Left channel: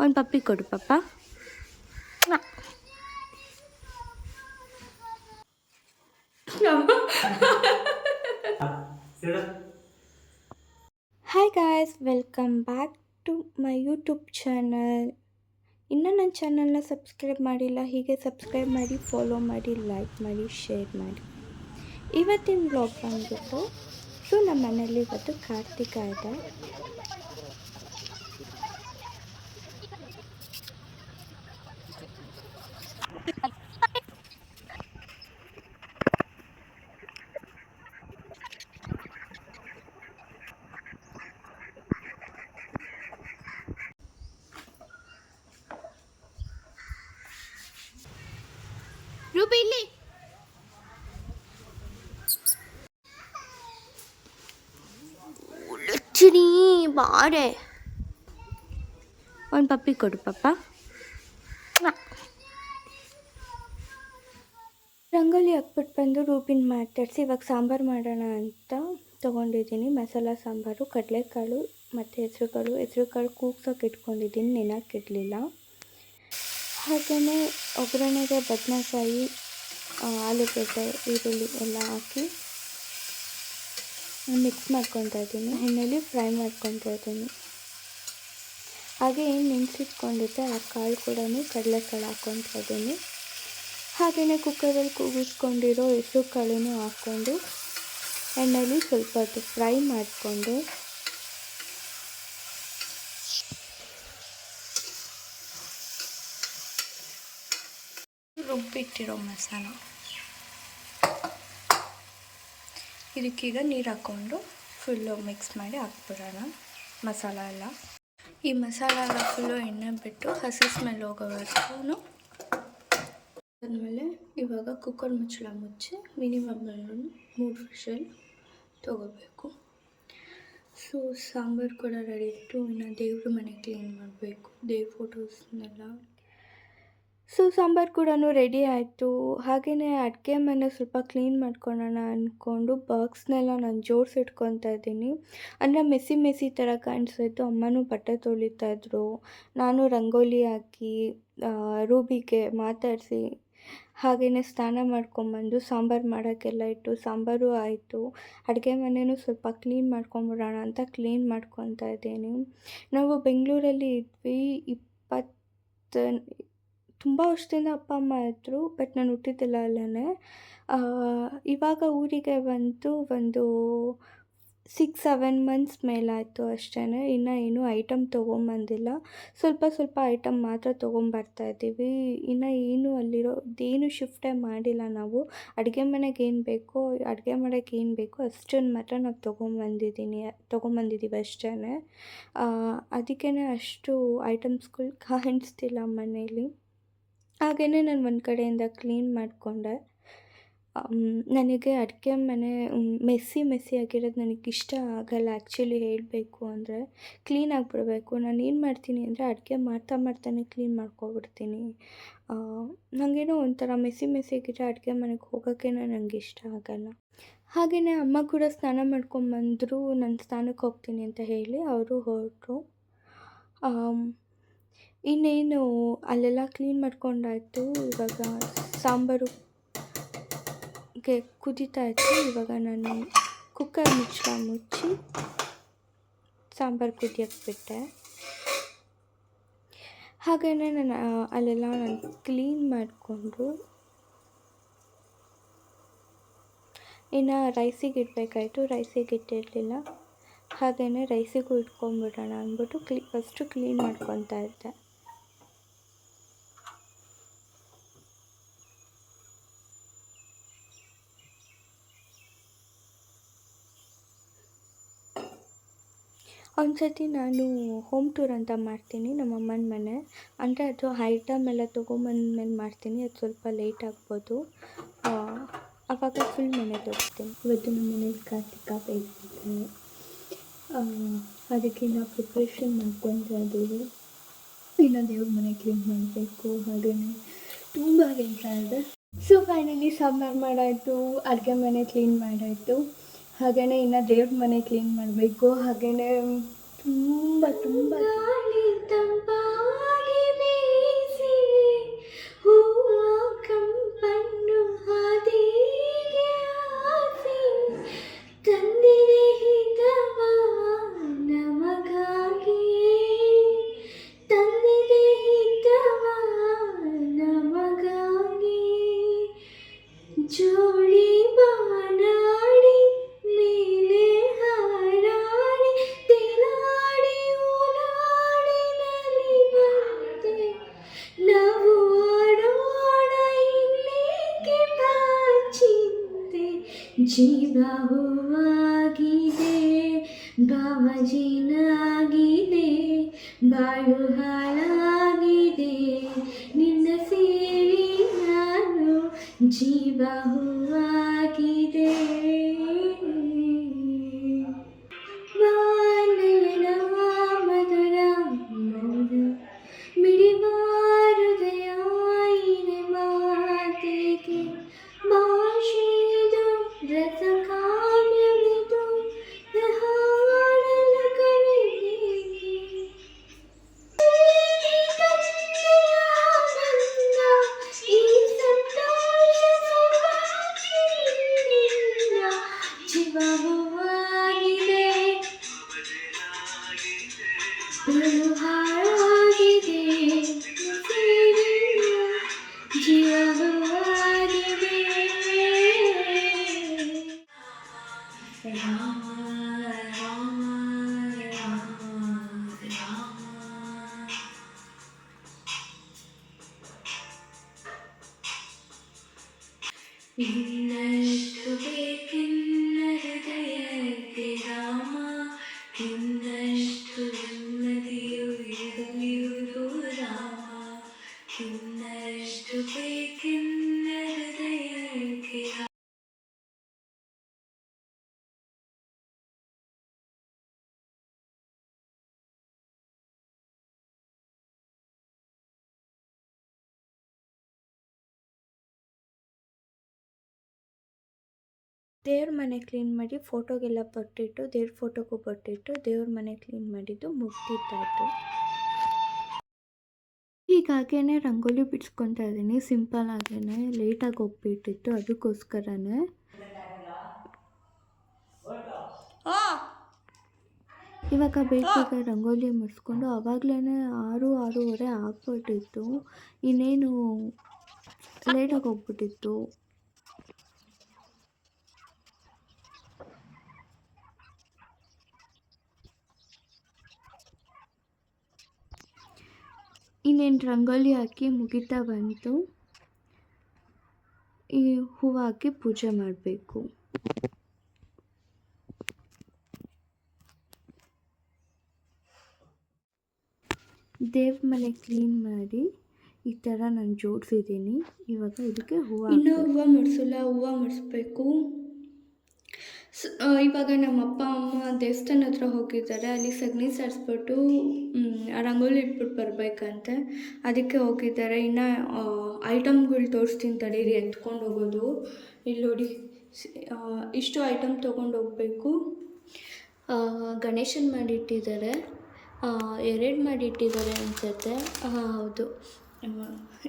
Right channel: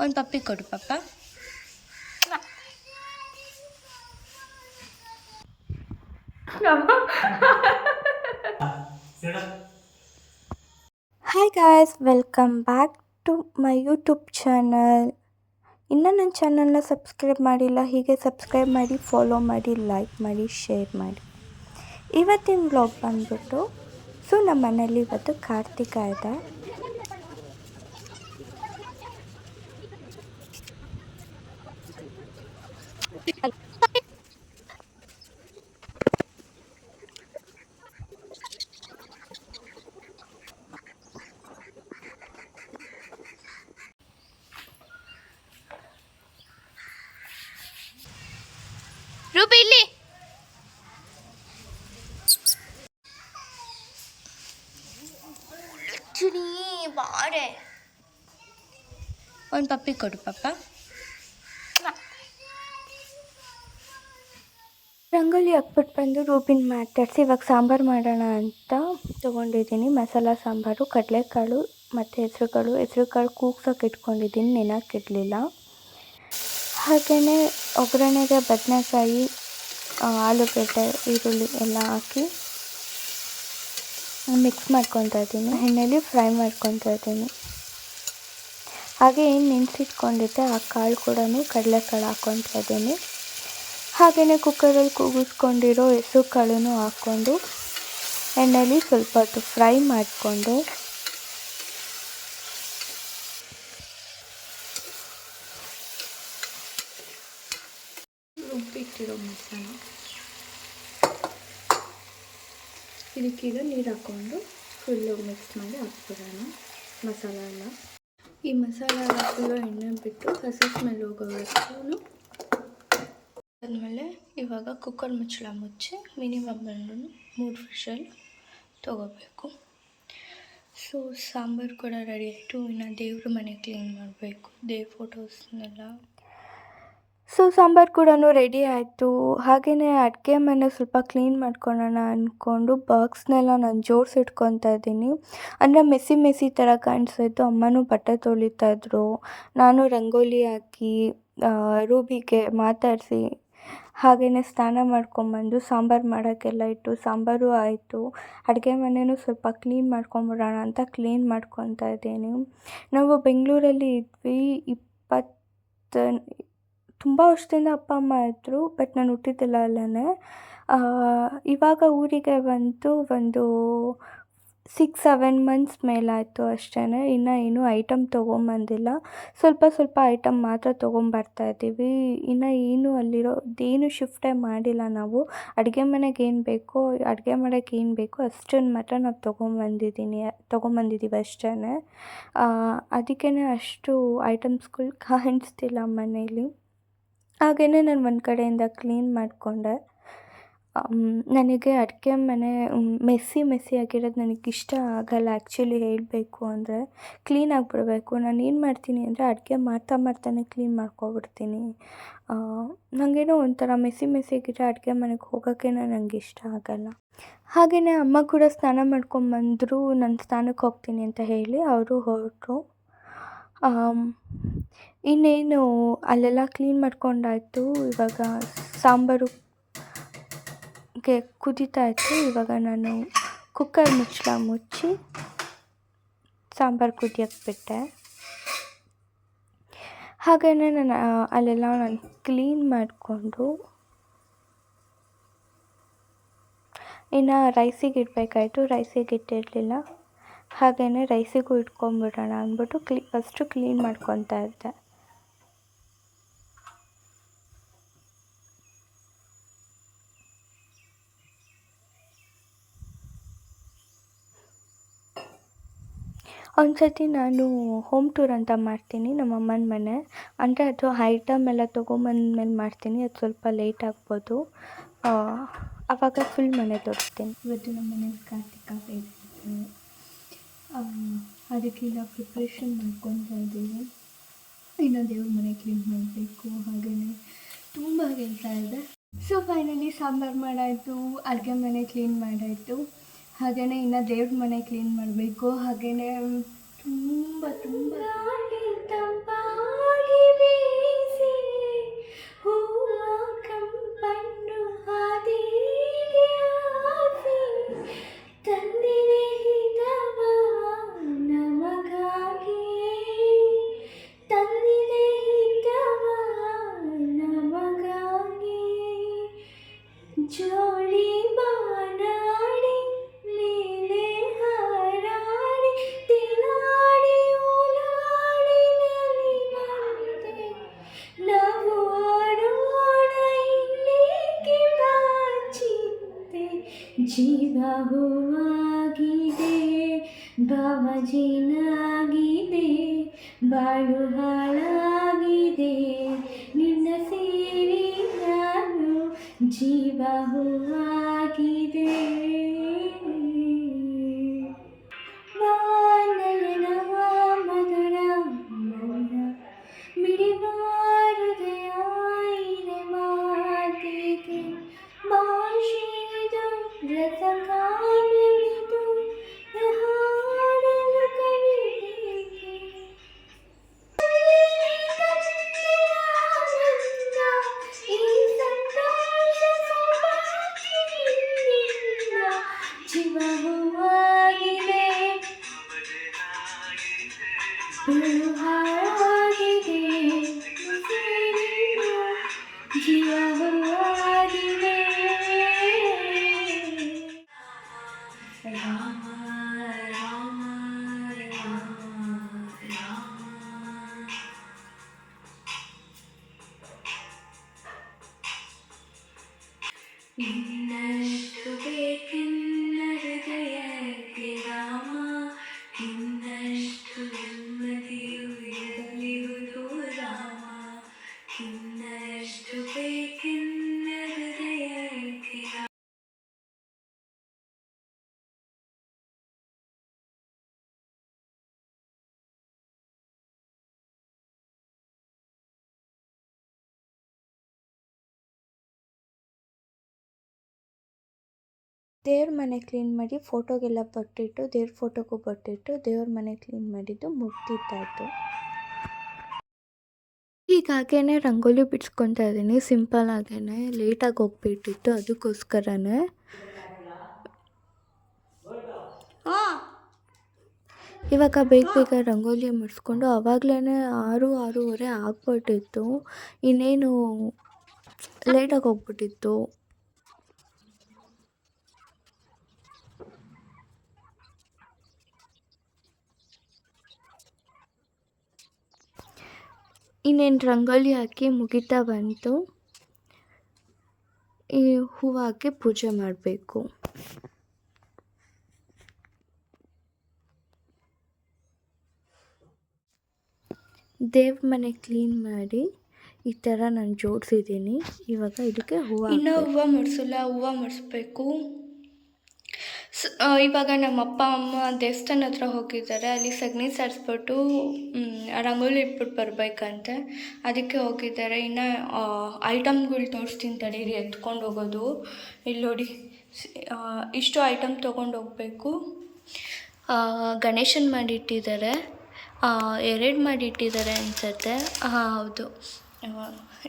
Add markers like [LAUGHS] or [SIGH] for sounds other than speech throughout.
ಒಂದು ಪಪ್ಪಿ ಕೊಡು, ಪಪ್ಪ. Hi guys welcome back to my YouTube channel ಇನ್ನೂ ನನ್ನ ಚಾನಲ್ನ ಸಬ್ಸ್ಕ್ರೈಬ್ ಮಾಡಿಲ್ಲ, ಹೀಗೆ ಸಬ್ಸ್ಕ್ರೈಬ್ ಮಾಡಿ ಫಾಲೋ ಮಾಡಿ ಲೈಕ್ ಮಾಡಿ ಶೇರ್ ಮಾಡಿ. ಇವತ್ತಿನ ಬ್ಲಾಗ್ ಬಂದ್ಬಿಟ್ಟು ಸೊ ನಮ್ಮ ಮನೇಲಿ ಇವತ್ತು ಕಾರ್ತಿಕ ಇದೆ. ಬಾರೆ. ಒಂದು ಪಪ್ಪಿ ಕೊಡು ಪಪ್ಪ. ರಂಗೋಲಿ ಹಾಕ್ಬಿಟ್ಟು ಬಂದು ರೂಬಿನ್ ಮಾತಾಡಿಸಿ ಇವಾಗ ಸಾಂಬಾರು ಮಾಡೋಣ ಅಂತ ತೊಗೊಂಡಿದ್ದೀನಿ. ಮಸಾಲ ಸಾಂಬಾರು ಕಡಲೆಕಾಳು ಮತ್ತು ಹೆಸರುಕಾಳು. ಹೆಸರುಕಾಳು ಕೂಗ್ಸೋಕೆ ಇಟ್ಕೊಂಡಿದ್ದೀನಿ ನೆನಕ್ಕಿರಲಿಲ್ಲ ಹಾಗೆಯೇ ಒಗ್ಗರಣೆಗೆ ಬದನೆಕಾಯಿ ಆಲೂಗಡ್ಡೆ ಈರುಳ್ಳಿ ಎಲ್ಲ ಹಾಕಿ ಮಿಕ್ಸ್ ಮಾಡ್ಕೊತಾ ಇದ್ದೀನಿ. ಎಣ್ಣೆಲಿ ಫ್ರೈ ಮಾಡ್ಕೊತಾ ಇದ್ದೀನಿ. ಹಾಗೆ ಏನು ನೆನೆಸಿಟ್ಕೊಂಡಿದ್ದೆ, ಆ ಕಾಳು ಕೂಡ ಕಡಲೆಕಾಳು ಹಾಕ್ಕೊತಾ ಇದ್ದೀನಿ. ಹಾಗೆಯೇ ಕುಕ್ಕರಲ್ಲಿ ಕೂಗಿಸ್ಕೊಂಡಿರೋ ಹೆಸರು ಕಾಳು ಹಾಕ್ಕೊಂಡು ಎಣ್ಣೆಲಿ ಸ್ವಲ್ಪ ಹೊತ್ತು ಫ್ರೈ ಮಾಡಿಕೊಂಡು ರುಬ್ಬಿಟ್ಟಿರೋ ಮಸಾಲ. ಇದಕ್ಕೀಗ ನೀರು ಹಾಕ್ಕೊಂಡು ಫುಲ್ಲು ಮಿಕ್ಸ್ ಮಾಡಿ ಹಾಕ್ಬಿಡೋಣ ಮಸಾಲ ಎಲ್ಲ. ಈ ಮಸಾಲ ಎಲ್ಲ ಫುಲ್ಲು ಎಣ್ಣೆ ಬಿಟ್ಟು ಹಸಿ ಸ್ಮೆಲ್ ಹೋಗೋವರೆಗೂ ಅದಾದಮೇಲೆ ಇವಾಗ ಕುಕ್ಕರ್ ಮುಚ್ಚಳ ಮುಚ್ಚಿ ಮಿನಿಮಮ್ ಬಂದು ಮೂರು ವಿಷಲ್ ತೊಗೋಬೇಕು. ಸೊ ಸಾಂಬಾರು ಕೂಡ ರೆಡಿ ಆಯಿತು. ಇನ್ನು ದೇವ್ರ ಮನೆ ಕ್ಲೀನ್ ಮಾಡಬೇಕು. ದೇವ್ರ ಫೋಟೋಸ್ನೆಲ್ಲ ಸೊ, ಸಾಂಬಾರು ಕೂಡ ರೆಡಿ ಆಯಿತು. ಹಾಗೆಯೇ ಅಡುಗೆ ಮನೆ ಸ್ವಲ್ಪ ಕ್ಲೀನ್ ಮಾಡ್ಕೊಳ್ಳೋಣ ಅಂದ್ಕೊಂಡು ಬಾಕ್ಸ್ನೆಲ್ಲ ನಾನು ಜೋಡಿಸಿಟ್ಕೊತಾ ಇದ್ದೀನಿ. ಅಂದರೆ ಮೆಸ್ಸಿ ಮೆಸ್ಸಿ ಥರ ಕಾಣಿಸ್ತಾಯಿತ್ತು ಅಮ್ಮನೂ ಬಟ್ಟೆ ತೊಳಿತಾ ಇದ್ರು. ನಾನು ರಂಗೋಲಿ ಹಾಕಿ ರೂಬಿಗೆ ಮಾತಾಡಿಸಿ ಹಾಗೆಯೇ ಸ್ನಾನ ಮಾಡ್ಕೊಂಬಂದು ಸಾಂಬಾರು ಮಾಡೋಕ್ಕೆಲ್ಲ ಇಟ್ಟು ಸಾಂಬಾರು ಆಯಿತು. ಅಡುಗೆ ಮನೆಯೂ ಸ್ವಲ್ಪ ಕ್ಲೀನ್ ಮಾಡ್ಕೊಂಬಿಡೋಣ ಅಂತ ಕ್ಲೀನ್ ಮಾಡ್ಕೊತಾ ಇದ್ದೀನಿ. ನಾವು ಬೆಂಗಳೂರಲ್ಲಿ ಇದ್ವಿ. ಇಪ್ಪತ್ತು ತುಂಬ ವರ್ಷದಿಂದ ಅಪ್ಪ, ಅಮ್ಮ ಇದ್ದರು ಬಟ್ ನಾನು ಹುಟ್ಟಿದ್ದಿಲ್ಲ ಅಲ್ಲೇ ಇವಾಗ ಊರಿಗೆ ಬಂದು ಒಂದು ಸಿಕ್ಸ್ ಸೆವೆನ್ ಮಂತ್ಸ್ ಮೇಲಾಯಿತು ಅಷ್ಟೇ ಇನ್ನೂ ಏನೂ ಐಟಮ್ ತೊಗೊಂಬಂದಿಲ್ಲ. ಸ್ವಲ್ಪ ಸ್ವಲ್ಪ ಐಟಮ್ ಮಾತ್ರ ತೊಗೊಂಬರ್ತಾ ಇದ್ದೀವಿ. ಇನ್ನು ಏನು ಅಲ್ಲಿರೋ, ಏನು ಶಿಫ್ಟೇ ಮಾಡಿಲ್ಲ ನಾವು. ಅಡುಗೆ ಮನೆಗೆ ಏನು ಬೇಕೋ, ಅಡುಗೆ ಮಾಡೋಕ್ಕೆ ಏನು ಬೇಕೋ ಅಷ್ಟನ್ನು ಮಾತ್ರ ನಾವು ತೊಗೊಂಬಂದಿದ್ದೀನಿ ತೊಗೊಂಬಂದಿದ್ದೀವಿ ಅಷ್ಟೇ ಅದಕ್ಕೇ ಅಷ್ಟು ಐಟಮ್ಸ್ಗಳು [LAUGHS] ಕಾಣಿಸ್ತಿಲ್ಲ ಮನೇಲಿ. ಹಾಗೆಯೇ ನಾನು ಒಂದು ಕಡೆಯಿಂದ ಕ್ಲೀನ್ ಮಾಡಿಕೊಂಡೆ. ನನಗೆ ಅಡುಗೆ ಮನೆ ಮೆಸ್ಸಿ ಮೆಸ್ಸಿ ಆಗಿರೋದು ನನಗೆ ಇಷ್ಟ ಆಗಲ್ಲ ಆ್ಯಕ್ಚುಲಿ ಹೇಳಬೇಕು ಅಂದರೆ. ಕ್ಲೀನ್ ಆಗಿಬಿಡ್ಬೇಕು. ನಾನು ಏನು ಮಾಡ್ತೀನಿ ಅಂದರೆ ಅಡುಗೆ ಮಾಡ್ತಾ ಮಾಡ್ತಾನೆ ಕ್ಲೀನ್ ಮಾಡ್ಕೊಬಿಡ್ತೀನಿ. ನನಗೇನೋ ಒಂಥರ ಮೆಸ್ಸಿ ಮೆಸ್ಸಿ ಆಗಿರೋ ಅಡುಗೆ ಮನೆಗೆ ಹೋಗೋಕ್ಕೇನೋ ನನಗೆ ಇಷ್ಟ ಆಗಲ್ಲ. ಹಾಗೆಯೇ ಅಮ್ಮ ಕೂಡ ಸ್ನಾನ ಮಾಡ್ಕೊಂಬಂದರು ನಾನು ಸ್ನಾನಕ್ಕೆ ಹೋಗ್ತೀನಿ ಅಂತ ಹೇಳಿ ಅವರು ಹೊರಟರು. ಇನ್ನೇನು ಅಲ್ಲೆಲ್ಲ ಕ್ಲೀನ್ ಮಾಡ್ಕೊಂಡಾಯಿತು, ಇವಾಗ ಸಾಂಬಾರು ಗೆ ಕುದೀತಾ ಇತ್ತು ಇವಾಗ ನಾನು ಕುಕ್ಕರ್ ಮುಚ್ಚಳ ಮುಚ್ಚಿ ಸಾಂಬಾರು ಕುದಿಯೋಕ್ಕೆ ಬಿಟ್ಟೆ ಹಾಗೆಯೇ ನಾನು ಅಲ್ಲೆಲ್ಲ ನಾನು ಕ್ಲೀನ್ ಮಾಡಿಕೊಂಡು ಇನ್ನು ರೈಸಿಗೆ ಇಡಬೇಕಾಯ್ತು. ರೈಸಿಗೆ ಇಟ್ಟಿರಲಿಲ್ಲ. ಹಾಗೆಯೇ ರೈಸಿಗೂ ಇಟ್ಕೊಂಬಿಡೋಣ ಅಂದ್ಬಿಟ್ಟು ಕ್ಲೀ ಫಸ್ಟು ಕ್ಲೀನ್ ಮಾಡ್ಕೊತಾ ಇದ್ದೆ. ಒಂದು ಸತಿ ನಾನು ಹೋಮ್ ಟೂರ್ ಅಂತ ಮಾಡ್ತೀನಿ, ನಮ್ಮ ಅಮ್ಮನ ಮನೆ. ಅಂದರೆ ಅದು ಐಟಮ್ ಎಲ್ಲ ತೊಗೊಂಬಂದ್ಮೇಲೆ ಮಾಡ್ತೀನಿ, ಅದು ಸ್ವಲ್ಪ ಲೇಟ್ ಆಗ್ಬೋದು. ಆವಾಗ ಫುಲ್ ಮನೆ ತೋರಿಸ್ತೀನಿ. ಇವತ್ತು ನಮ್ಮ ಮನೇಲಿ ಕಾರ್ತಿಕ ಅದಕ್ಕೆ ನಾವು ಪ್ರಿಪ್ರೇಷನ್ ಮಾಡ್ಕೊತಾ ಇದ್ದೀವಿ ಇನ್ನು ದೇವ್ರ ಮನೆ ಕ್ಲೀನ್ ಮಾಡಬೇಕು ಹಾಗೆಯೇ ತುಂಬ ಕೆಲಸ ಇದೆ. ಸೊ ಫೈನಲಿ ಸಾಂಬಾರು ಮಾಡಾಯಿತು, ಅಡುಗೆ ಮನೆ ಕ್ಲೀನ್ ಮಾಡಾಯಿತು. ಹಾಗೆಯೇ ಇನ್ನು ದೇವ್ರ ಮನೆ ಕ್ಲೀನ್ ಮಾಡಬೇಕು. ಹಾಗೆಯೇ ತುಂಬ ತುಂಬ. ಜೀವ ಹೂವಾಗಿದೆ ಭಾವ ಜೀನಾಗಿದೆ ಬಾಳು ಹಾಳಾಗಿದೆ ನಿನ್ನ ಸೇರಿ ನಾನು ಜೀವ ಹೂವಾಗಿದೆ ದೇವ್ರ ಮನೆ ಕ್ಲೀನ್ ಮಾಡಿ ಫೋಟೋಗೆಲ್ಲ ಬಟ್ಟಿಟ್ಟು ದೇವ್ರ ಫೋಟೋಗೂ ಬಟ್ಟಿಟ್ಟು ದೇವ್ರ ಮನೆ ಕ್ಲೀನ್ ಮಾಡಿದ್ದು ಮುಗ್ದಿದ್ದಾಯ್ತು. ಹೀಗಾಗೇನೆ ರಂಗೋಲಿ ಬಿಡ್ಸ್ಕೊತಾ ಇದ್ದೀನಿ. ಸಿಂಪಲ್ ಆಗೇ ಲೇಟಾಗಿ ಹೋಗ್ಬಿಟ್ಟಿತ್ತು. ಅದಕ್ಕೋಸ್ಕರನೇ. ಇವಾಗ ಬೇಗ ಬೇಗ ರಂಗೋಲಿ ಮುಡಿಸ್ಕೊಂಡು ಆವಾಗಲೇ ಆರು ಆರೂವರೆ ಆಗ್ಬಿಟ್ಟಿತ್ತು. ಇನ್ನೇನು ಲೇಟಾಗಿ ಹೋಗ್ಬಿಟ್ಟಿತ್ತು. ಇನ್ನೇನು ರಂಗೋಲಿ ಹಾಕಿ ಮುಗಿತಾ ಬಂತು. ಈ ಹೂವು ಹಾಕಿ ಪೂಜೆ ಮಾಡಬೇಕು. ದೇವ್ರ ಮನೆ ಕ್ಲೀನ್ ಮಾಡಿ ಈ ಥರ ನಾನು ಜೋಡಿಸಿದ್ದೀನಿ. ಇವಾಗ ಇದಕ್ಕೆ ಹೂವು ಇನ್ನೂ ಹೂವು ಮುಡಿಸಲ್ಲ, ಹೂವು ಮುಡಿಸ್ಬೇಕು. ಇವಾಗ ನಮ್ಮ ಅಪ್ಪ, ಅಮ್ಮ ದೇವಸ್ಥಾನ ಹತ್ರ ಹೋಗಿದ್ದಾರೆ. ಅಲ್ಲಿ ಸಗಣಿ ಸಾರಿಸ್ಬಿಟ್ಟು ರಂಗೋಲಿ ಇಟ್ಬಿಟ್ಟು ಬರಬೇಕಂತೆ. ಅದಕ್ಕೆ ಹೋಗಿದ್ದಾರೆ. ಇನ್ನು ಐಟಮ್ಗಳು ತೋರಿಸ್ತೀನಿ ತಡೀರಿ ಎತ್ಕೊಂಡು ಹೋಗೋದು. ಇಲ್ಲಿ ನೋಡಿ. ಇಷ್ಟು ಐಟಮ್ ತೊಗೊಂಡು ಹೋಗಬೇಕು. ಗಣೇಶನ್ ಮಾಡಿಟ್ಟಿದ್ದಾರೆ. ಎರಡು ಮಾಡಿಟ್ಟಿದ್ದಾರೆ ಅನ್ಸುತ್ತೆ. ಹಾಂ ಹೌದು.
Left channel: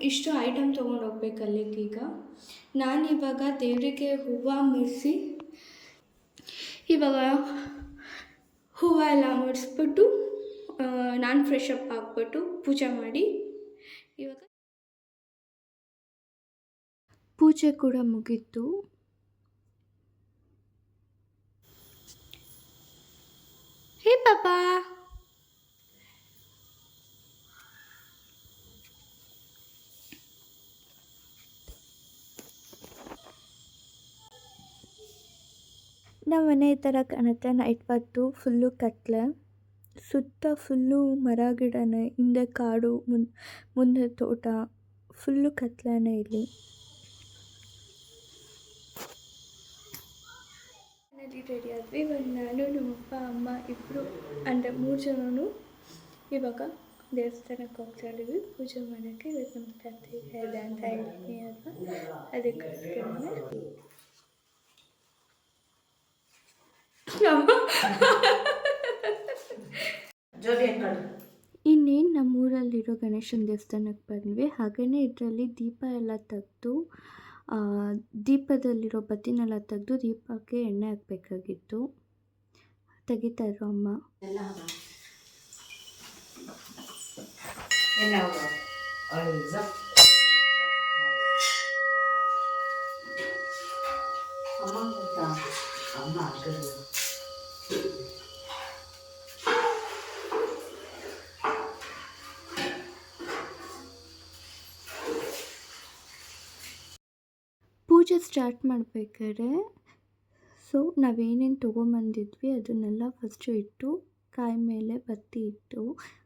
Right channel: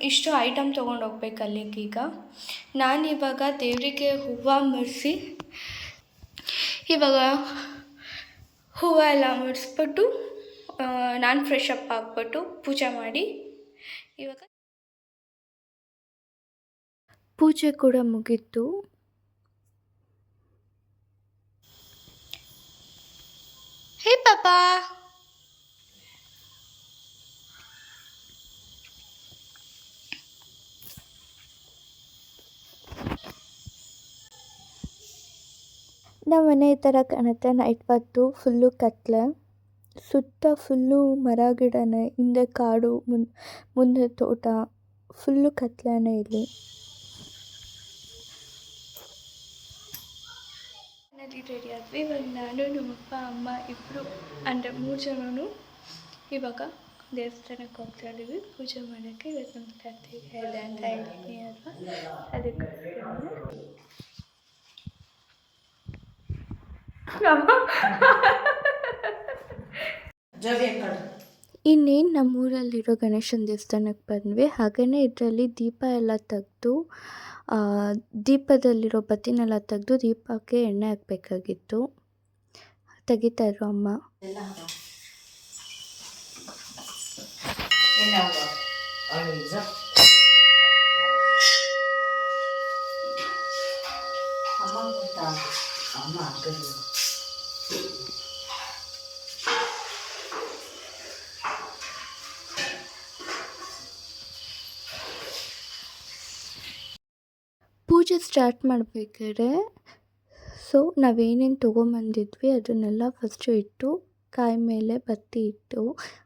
ಇಷ್ಟು ಐಟಮ್ ತೊಗೊಂಡು ಹೋಗ್ಬೇಕು ಅಲ್ಲಿಗೀಗ. ನಾನಿವಾಗ ದೇವರಿಗೆ ಹೂವು ಮುಡಿಸಿ ಇವಾಗ ಹೂವು ಎಲ್ಲ ಮುಡಿಸ್ಬಿಟ್ಟು ನಾನು ಫ್ರೆಶ್ ಅಪ್ ಆಗಿಬಿಟ್ಟು ಪೂಜೆ ಮಾಡಿ ಇವಾಗ ಪೂಜೆ ಕೂಡ ಮುಗೀತು. ಹೇ ಪಾಪಾ! ನಮ್ಮ ಮನೆ ಥರ ಕಾಣುತ್ತೆ ನೈಟ್ ಹೊತ್ತು ಫುಲ್ಲು ಕತ್ಲೆ. ಸುತ್ತ ಫುಲ್ಲು ಮರ ಗಿಡನೇ, ಹಿಂದೆ ಕಾಡು, ಮುನ್, ಮುಂದೆ ತೋಟ ಫುಲ್ಲು ಕತ್ಲೆನೇ ಇಲ್ಲಿ. ರೆಡಿ ಆದ್ವಿ. ಇವಾಗ ನಾನು, ನಮ್ಮಪ್ಪ, ಅಮ್ಮ ಇಬ್ಬರು ಅಂದರೆ ಮೂರು ಜನನು ಇವಾಗ ದೇವಸ್ಥಾನಕ್ಕೆ ಹೋಗ್ತಾ ಇದ್ದೀವಿ. ಪೂಜೆ ಮಾಡೋಕ್ಕೆ ಇವತ್ತು ನಮ್ಮ ಕಾರ್ತಿಕ ಇದೆ ಅಂತ ಹೇಳ್ತೀನಿ ಅಲ್ವಾ? ಅದಕ್ಕೋಸ್ಕರ ಇನ್ನೇನು ನಮ್ಮೂರಲ್ಲಿರೋ ಗಣೇಶನ ದೇವಸ್ಥಾನಕ್ಕೆ ಬಂದ್ವಿ. ಹಾಗೇ ಇದರಲ್ಲಿ ದೀಪ ಎಲ್ಲ ತೆಗೆದು ದೀಪದಲ್ಲಿರೋ ಬತ್ತಿನೆಲ್ಲ ತೆಗೆದು ದೀಪಕ್ಕೆ ಎಣ್ಣೆ ಹಾಕಬೇಕಾಗಿತ್ತು. ತೆಗಿತಾ ಅಮ್ಮ. ಅಮ್ಮ ಪೂಜೆ ಸ್ಟಾರ್ಟ್ ಮಾಡಬೇಕಾದ್ರೆ ಸೊ ನಾವೇನೇನು ತೊಗೊಂಬಂದಿದ್ವಿ, ಅದನ್ನೆಲ್ಲ ಫಸ್ಟು ಇಟ್ಟು, ಕಾಯಿ ಮೇಲೆ ಬತ್ತಿ ಇಟ್ಟು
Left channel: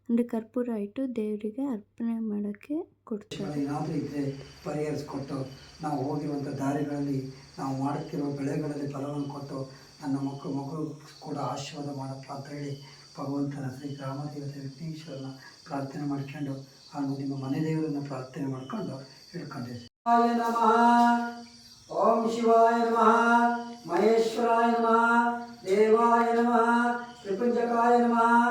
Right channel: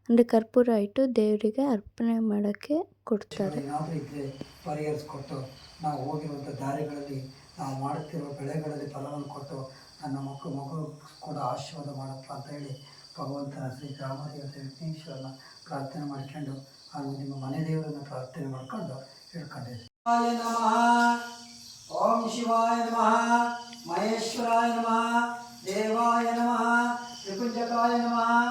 ಅಂದರೆ ಕರ್ಪೂರ ಇಟ್ಟು ದೇವರಿಗೆ ಅರ್ಪಣೆ ಮಾಡೋಕ್ಕೆ ಕೊಡ್ತಾರೆ. ಏನಾದರೂ ಇದ್ದರೆ ಪರಿಹರಿಸಿಕೊಟ್ಟು, ನಾವು ಹೋಗಿರುವಂಥ ದಾರಿಗಳಲ್ಲಿ ನಾವು ಮಾಡುತ್ತಿರುವ ಬೆಳೆಗಳಲ್ಲಿ ಫಲವನ್ನು ಕೊಟ್ಟು ನನ್ನ ಮಕ್ಕಳು ಮಗಳು ಕೂಡ ಆಶೀರ್ವಾದ ಮಾಡಪ್ಪ ಅಂತ ಹೇಳಿ ಭಗವಂತನ ಶ್ರೀ ಗ್ರಾಮದೇವತೆ ವಿಘ್ನೇಶ್ವರನ ಪ್ರಾರ್ಥನೆ ಮಾಡ್ಕೊಂಡು ಹಾಗೂ ನಿಮ್ಮ ಮನೆ ದೇವರನ್ನು ಪ್ರಾರ್ಥನೆ ಮಾಡ್ಕೊಂಡು ಹಿಡ್ಕೊಂಡೆ ಓಂ ಶಿವಾಯ ನಮಃ. ಮಹೇಶ್ವರಾಯ ನಮಃ. ದೇವಾಯ ನಮಃ. ತ್ರಿಪುಂಜಕಾಯ ನಮಃ.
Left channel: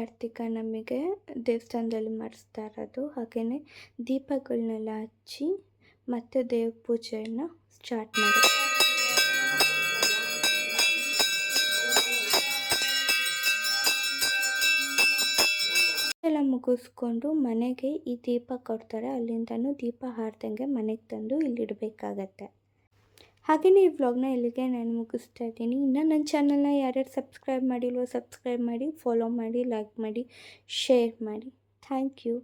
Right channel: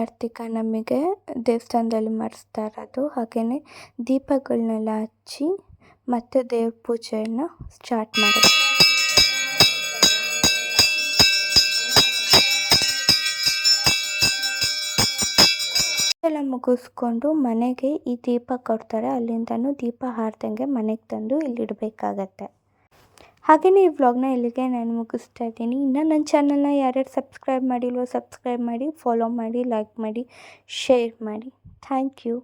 ಕಾರ್ತಿಕ ನಮಗೆ ದೇವಸ್ಥಾನದಲ್ಲಿ ಮಾಡಿಸ್ತಾ ಇರೋದು ಹಾಗೆಯೇ ದೀಪಗಳನ್ನೆಲ್ಲ ಹಚ್ಚಿ ಮತ್ತೆ ದೇವ್ರ ಪೂಜೆಯನ್ನು ಸ್ಟಾರ್ಟ್ ಮಾಡೋದು. ಎಲ್ಲ ಮುಗಿಸ್ಕೊಂಡು ಮನೆಗೆ ಈ ದೀಪ ಕೊಡ್ತಾರೆ. ಅಲ್ಲಿಂದನೂ ದೀಪ ಹಾರ್ದಂಗೆ ಮನೆಗೆ ತಂದು ಇಲ್ಲಿಡಬೇಕಾಗತ್ತೆ. ಹಾಗೆಯೇ ಈ ವ್ಲಾಗ್ನ ಇಲ್ಲಿಗೆ ನಾನು ಮುಗಿಸ್ತಾ ಇದ್ದೀನಿ. ಇನ್ನು ನನ್ನ ಚಾನಲ್ನ ಯಾರ್ಯಾರು ಸಬ್ಸ್ಕ್ರೈಬ್ ಮಾಡಿಲ್ವೋ ಸಬ್ಸ್ಕ್ರೈಬ್ ಮಾಡಿ ಫಾಲೋ ಮಾಡಿ ಲೈಕ್ ಮಾಡಿ ಶೇರ್ ಮಾಡಿ. Thank you